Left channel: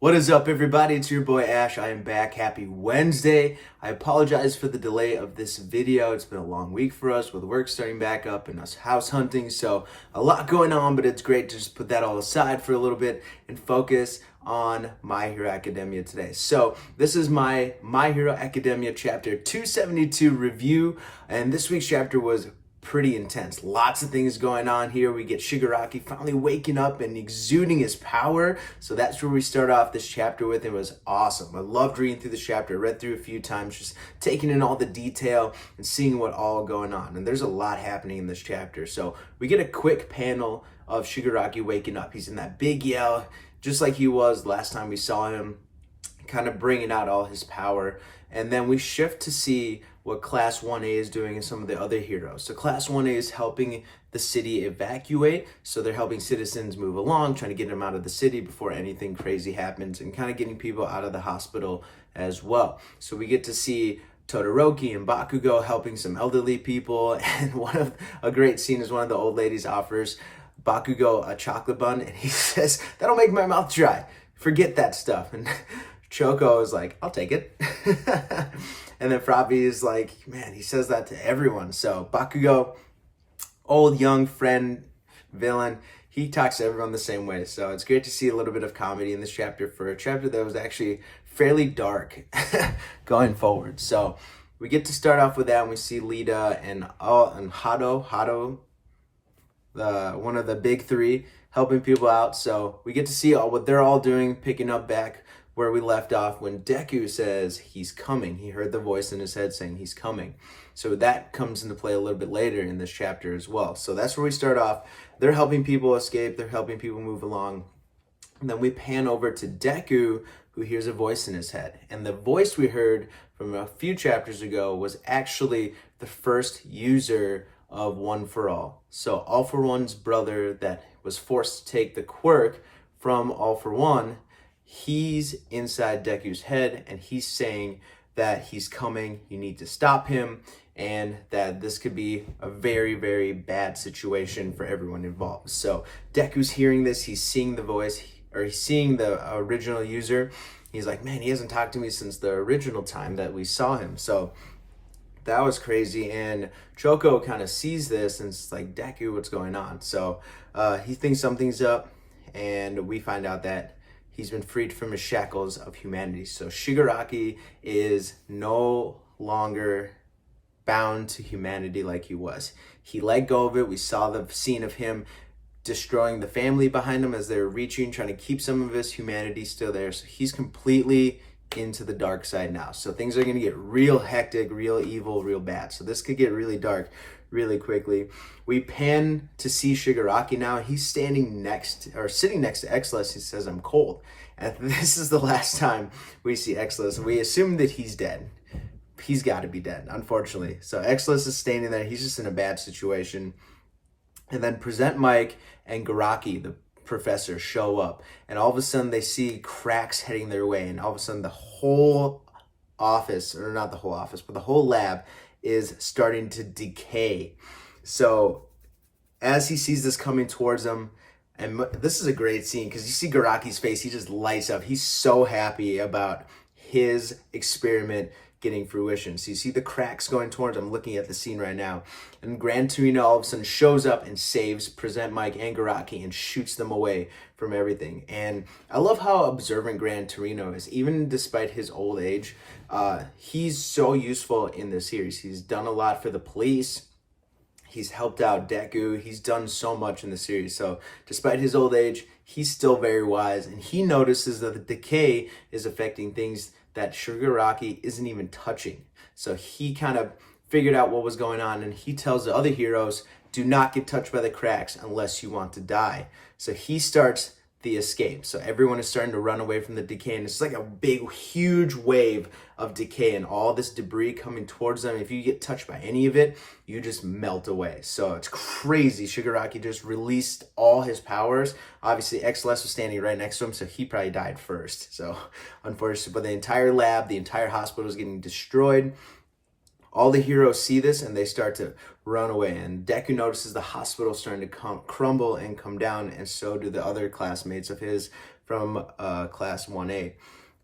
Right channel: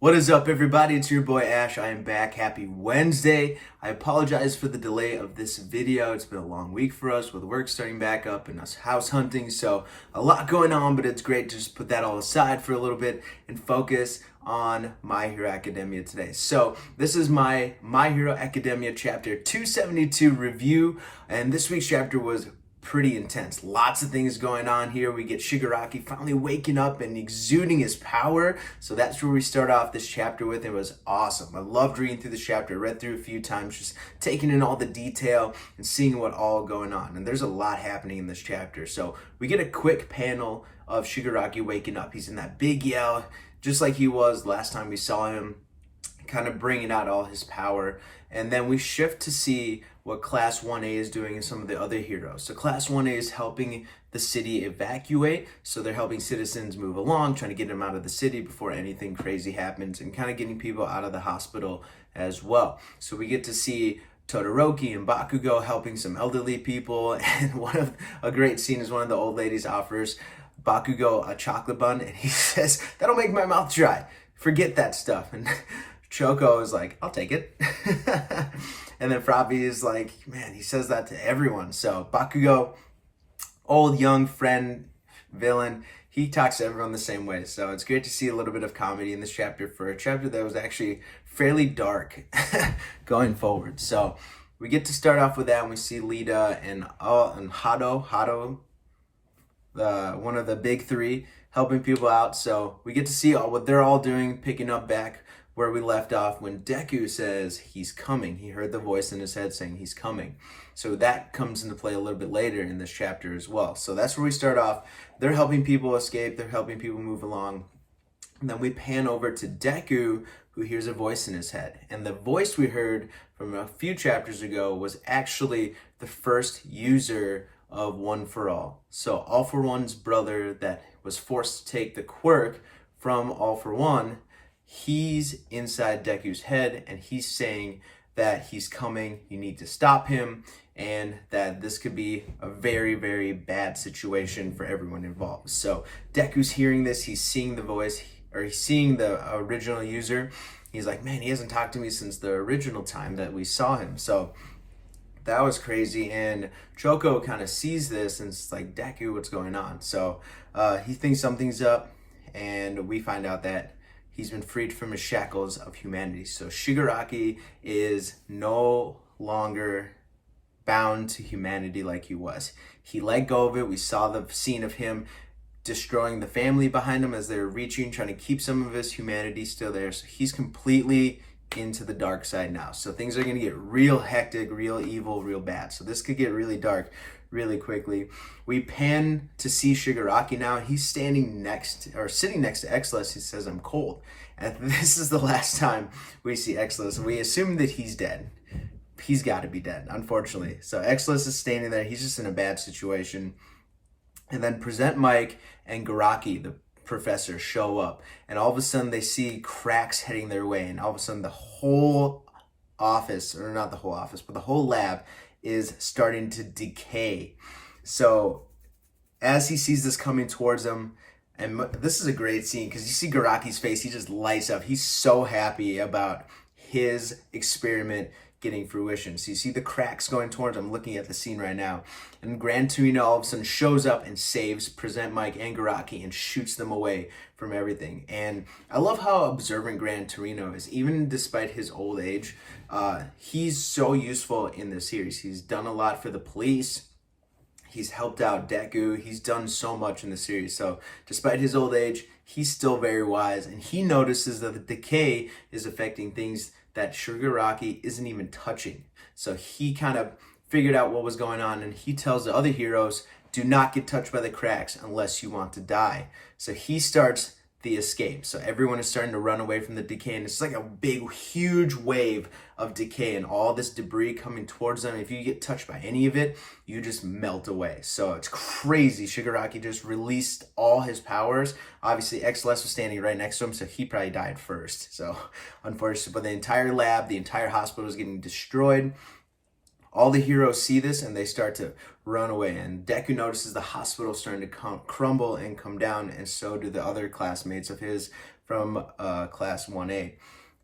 What is up, everybody? It's your boy Ash. I am back. Happy Wednesday. I apologize for the delay of this video. It's been a long week for us with work starting back up and us house hunting. So a lot going on, but it's great to just put that all aside for a little bit and focus on My Hero Academia today. So this is my Hero Academia chapter 272 review. And this week's chapter was pretty intense. Lots of things going on here. We get Shigaraki finally waking up and exuding his power. So that's where we start off this chapter with. It was awesome. I loved reading through this chapter. I read through a few times, just taking in all the detail and seeing what all going on. And there's a lot happening in this chapter. So we get a quick panel of Shigaraki waking up. He's in that big yell, just like he was last time we saw him, kind of bringing out all his power. And then we shift to see what Class 1A is doing and some of the other heroes. So Class 1A is helping the city evacuate. So they're helping citizens move along, trying to get them out of the city before anything crazy happens and kind of getting people out of the hospital as well. So we get to see Todoroki and Bakugo helping some elderly people. And a great scene is one of the old ladies offers Bakugo a chocolate bun and he says, "That'll make my mouth dry. Forget that stuff." And Choco is like, "I'll take it." And then Frappy is like, man, he says that to everyone. So Bakugo, old, young, friend, villain, he talks to everyone the same way. So it's great to see a little bit of comedy in this chapter for a chapter that was actually fairly dark going forward. So we get to start off with that, and we see Lita and Hado, one of the big three, helping people out. So we get to see what they're all doing, picking up back where we left off when Deku says he's coming. He heard the voice in his head saying he's coming. So that comes into play a little bit later in this chapter as well. So that's where we start off. They're helping people escape. They're helping people move along. And then we pan over to Deku, who hears a voice in his head. And the voice we heard from a few chapters ago was actually the first user of One for All. So All for One's brother that was forced to take the quirk from All for One, he's inside Deku's head, and he's saying that he's coming, you need to stop him, and that this could be a very, very bad situation for everyone involved. So Deku's hearing this, he's seeing the voice, or he's seeing the original user. He's like, man, he hasn't talked to me since the original time that we saw him. So that was crazy, and Choco kind of sees this, and it's like, Deku, what's going on? So he thinks something's up, and we find out that he's been freed from his shackles of humanity. So Shigaraki is no longer bound to humanity like he was. He let go of it. We saw the scene of him destroying the family behind him as they were reaching, trying to keep some of his humanity still there. So he's completely into the dark side now. So things are going to get real hectic, real evil, real bad. So this could get really dark really quickly. We pan to see Shigaraki now. He's sitting next to Exless. He says, "I'm cold." And this is the last time we see Exless. We assume that he's dead. He's got to be dead, unfortunately. So Exless is standing there. He's just in a bad situation. And then Present Mike and Garaki, the professor, show up. And all of a sudden they see cracks heading their way. And all of a sudden the whole office, or not the whole office, but the whole lab is starting to decay. So as he sees this coming towards him, and this is a great scene because you see Garaki's face, he just lights up. He's so happy about his experiment getting fruition. So you see the cracks going towards him. I'm looking at the scene right now. And Gran Torino all of a sudden shows up and saves Present Mike and Garaki and shoots them away from everything. And I love how observant Gran Torino is. Even despite his old age, he's so useful in this series. He's done a lot for the police. He's helped out Deku. He's done so much in the series. So despite his old age, he's still very wise. And he notices that the decay is affecting things that Shigaraki isn't even touching. So he kind of figured out what was going on, and he tells the other heroes, do not get touched by the cracks unless you want to die. So he starts the escape. So everyone is starting to run away from the decay, and it's like a big, huge wave of decay and all this debris coming towards them. If you get touched by any of it, you just melt away. So it's crazy. Shigaraki just released all his powers. Obviously, X-Less was standing right next to him, so he probably died first. So unfortunately, but the entire lab, the entire hospital is getting destroyed. All the heroes see this and they start to run away, and Deku notices the hospital starting to crumble and come down, and so do the other classmates of his from class 1A.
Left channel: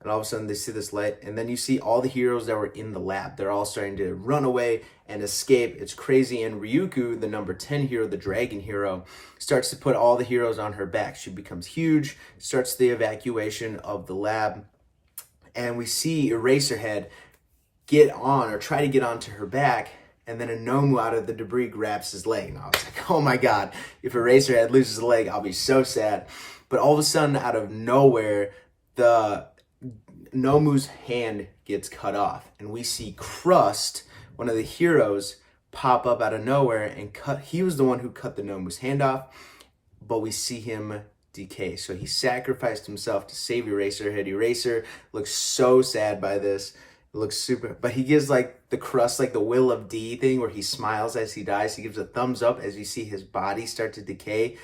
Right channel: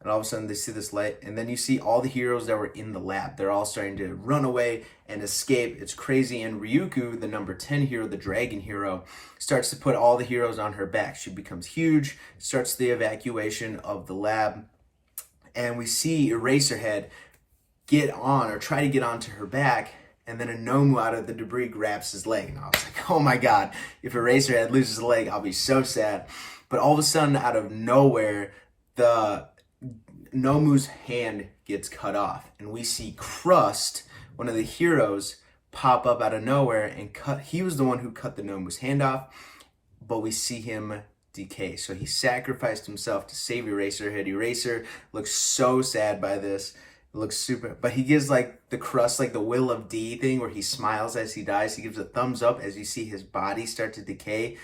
And all of a sudden they see this light, and then you see all the heroes that were in the lab. They're all starting to run away and escape. It's crazy. And Ryuko, the number 10 hero, the dragon hero, starts to put all the heroes on her back. She becomes huge, starts the evacuation of the lab. And we see Eraserhead get on, or try to get onto her back, and then a Nomu out of the debris grabs his leg. And I was like, oh my God, if Eraserhead loses a leg, I'll be so sad. But all of a sudden, out of nowhere, the Nomu's hand gets cut off, and we see Crust, one of the heroes, pop up out of nowhere and cut. He was the one who cut the Nomu's hand off, but we see him decay. So he sacrificed himself to save Eraserhead. Eraser looks so sad by this. It looks super, but he gives like the Crust, like the Will of D thing, where he smiles as he dies. He gives a thumbs up as you see his body start to decay.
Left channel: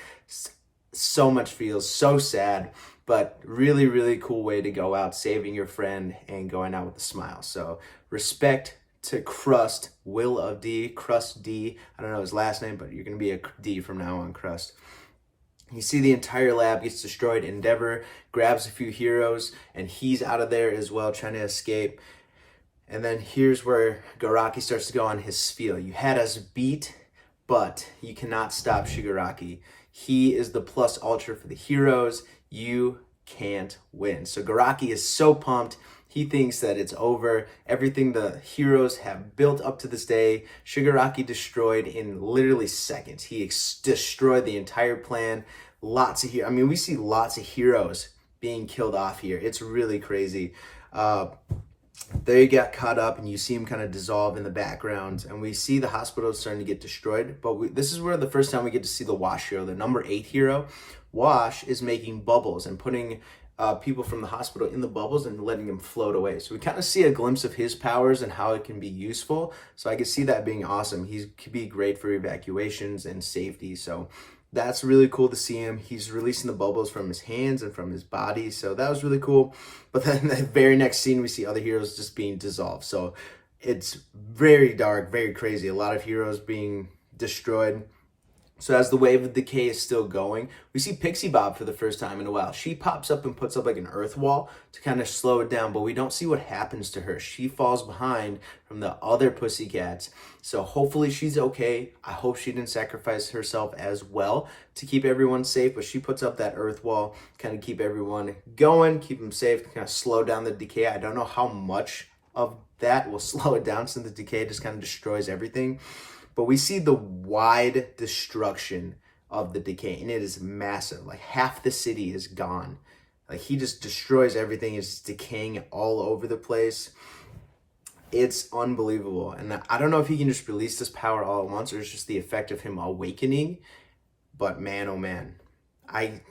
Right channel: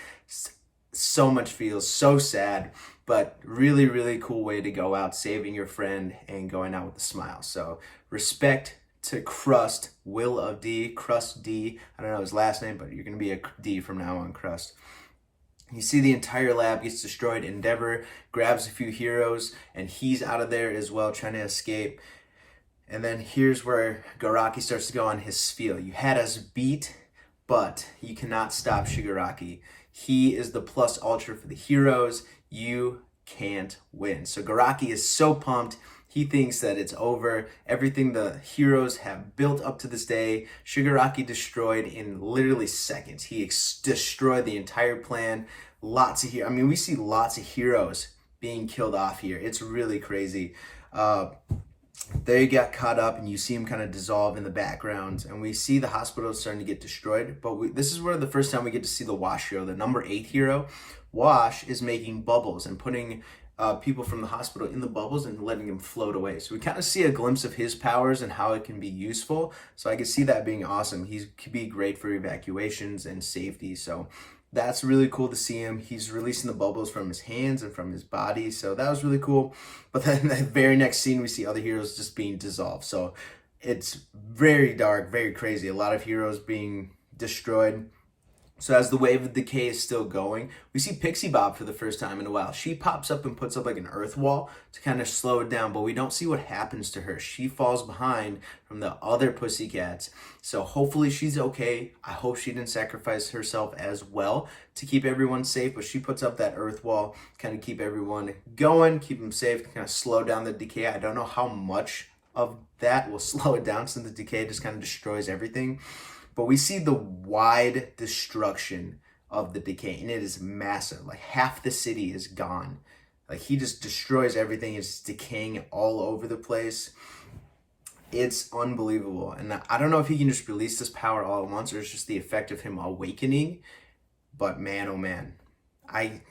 So much feels so sad. But really, really cool way to go out, saving your friend and going out with a smile. So respect to Crust, Will of D, Crust D. I don't know his last name, but you're going to be a D from now on, Crust. You see the entire lab gets destroyed. Endeavor grabs a few heroes, and he's out of there as well, trying to escape. And then here's where Shigaraki starts to go on his spiel. You had us beat, but you cannot stop Shigaraki. He is the plus ultra for the heroes. You can't win. So Shigaraki is so pumped. He thinks that it's over. Everything the heroes have built up to this day, Shigaraki destroyed in literally seconds. He destroyed the entire plan. Lots of heroes. I mean, we see lots of heroes being killed off here. It's really crazy. They got caught up, and you see him kind of dissolve in the background, and we see the hospital starting to get destroyed. But this is where the first time we get to see the Wash hero, the number 8 hero. Wash is making bubbles and putting people from the hospital in the bubbles and letting them float away. So we kind of see a glimpse of his powers and how it can be useful. So I could see that being awesome. He could be great for evacuations and safety. So that's really cool to see him. He's releasing the bubbles from his hands and from his body. So that was really cool. But then the very next scene, we see other heroes just being dissolved. So it's very dark, very crazy. A lot of heroes being destroyed. So as the wave of decay is still going, we see Pixie Bob for the first time in a while. She pops up and puts up like an earth wall to kind of slow it down, but we don't see what happens to her. She falls behind from the other pussycats. So hopefully she's okay. I hope she didn't sacrifice herself as well to keep everyone safe, but she puts up that earth wall, kind of keep everyone going, keep them safe, kind of slow down the decay. I don't know how much of that will slow it down since the decay just kind of destroys everything. But we see the wide destruction of the decay, and it is massive. Like half the city is gone. Like he just destroys everything. It's decaying all over the place. It's unbelievable. And I don't know if he can just release this power all at once, or it's just the effect of him awakening. But man, oh man,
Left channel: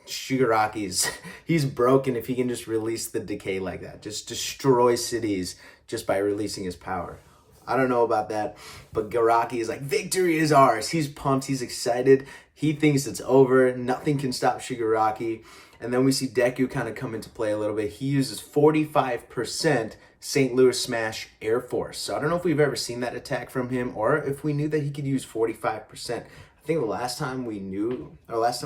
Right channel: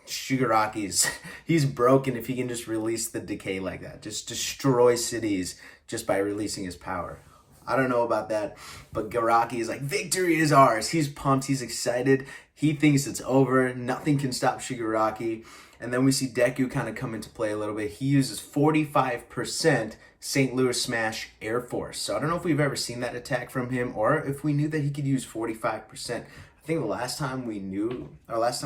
Shigaraki's, he's broken if he can just release the decay like that. Just destroy cities just by releasing his power. I don't know about that, but Shigaraki is like, victory is ours. He's pumped. He's excited. He thinks it's over. Nothing can stop Shigaraki. And then we see Deku kind of come into play a little bit. He uses 45% St. Louis Smash Air Force. So I don't know if we've ever seen that attack from him, or if we knew that he could use 45%. I think the last time we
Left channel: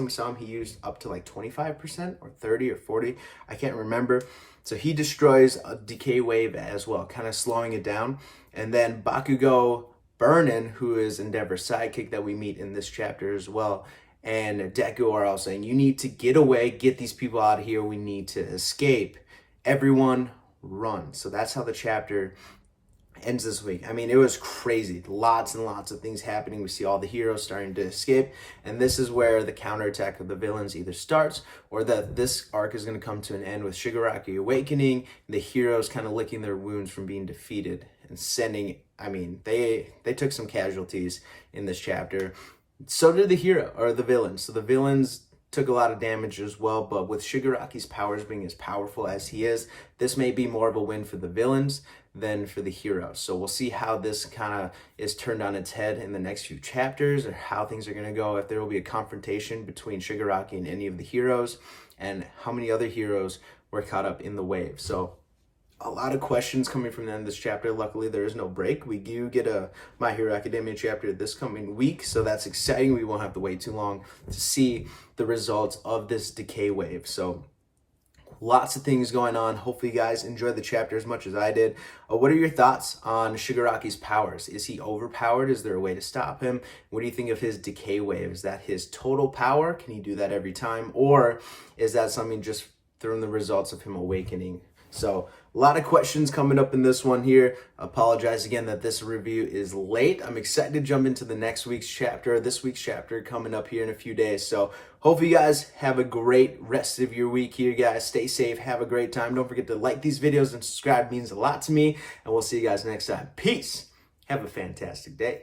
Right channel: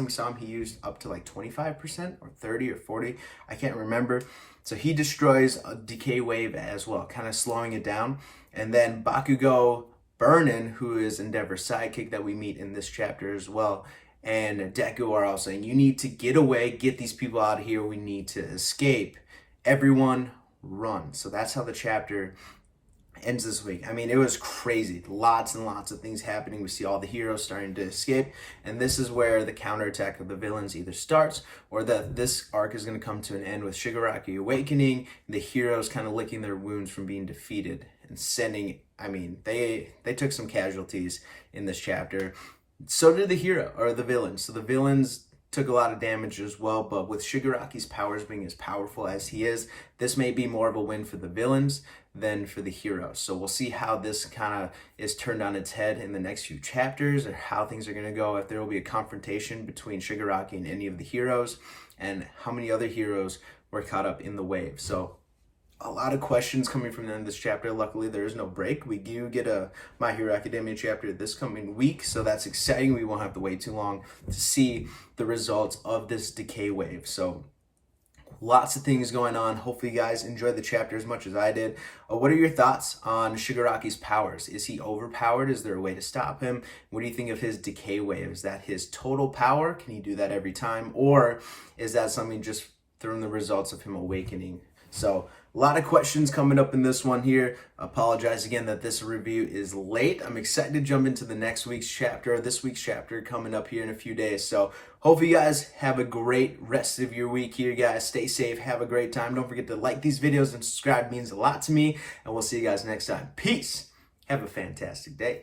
saw him, he used up to like 25% or 30 or 40. I can't remember. So he destroys a decay wave as well, kind of slowing it down. And then Bakugo Burnin, who is Endeavor's sidekick that we meet in this chapter as well, and Deku are all saying, you need to get away, get these people out of here, we need to escape. Everyone run. So that's how the chapter ends this week. I mean, it was crazy. Lots and lots of things happening. We see all the heroes starting to escape, and this is where the counterattack of the villains either starts, or that this arc is going to come to an end with Shigaraki awakening, the heroes kind of licking their wounds from being defeated and sending, I mean, they took some casualties in this chapter. So did the villains. So the villains took a lot of damage as well, but with Shigaraki's powers being as powerful as he is, this may be more of a win for the villains than for the heroes. So we'll see how this kind of is turned on its head in the next few chapters, or how things are going to go, if there will be a confrontation between Shigaraki and any of the heroes, and how many other heroes were caught up in the wave. So a lot of questions coming from the end of this chapter. Luckily, there is no break. We do get a My Hero Academia chapter this coming week, so that's exciting. We won't have to wait too long to see the results of this decay wave. So Lots of things going on. Hopefully you guys enjoyed the chapter as much as I did. What are your thoughts on Shigaraki's powers? Is he overpowered? Is there a way to stop him? What do you think of his decay wave? Is that his total power? Can he do that every time? Or is that something just from the results of him awakening? So a lot of questions coming up in this one here. Apologize again that this review is late. I'm excited to jump into the next week's chapter, this week's chapter coming up here in a few days. So hopefully you guys have a great rest of your week here, guys. Stay safe. Have a great time. Don't forget to like these videos and subscribe. It means a lot to me. And we'll see you guys next time. Peace. Have a fantastic day.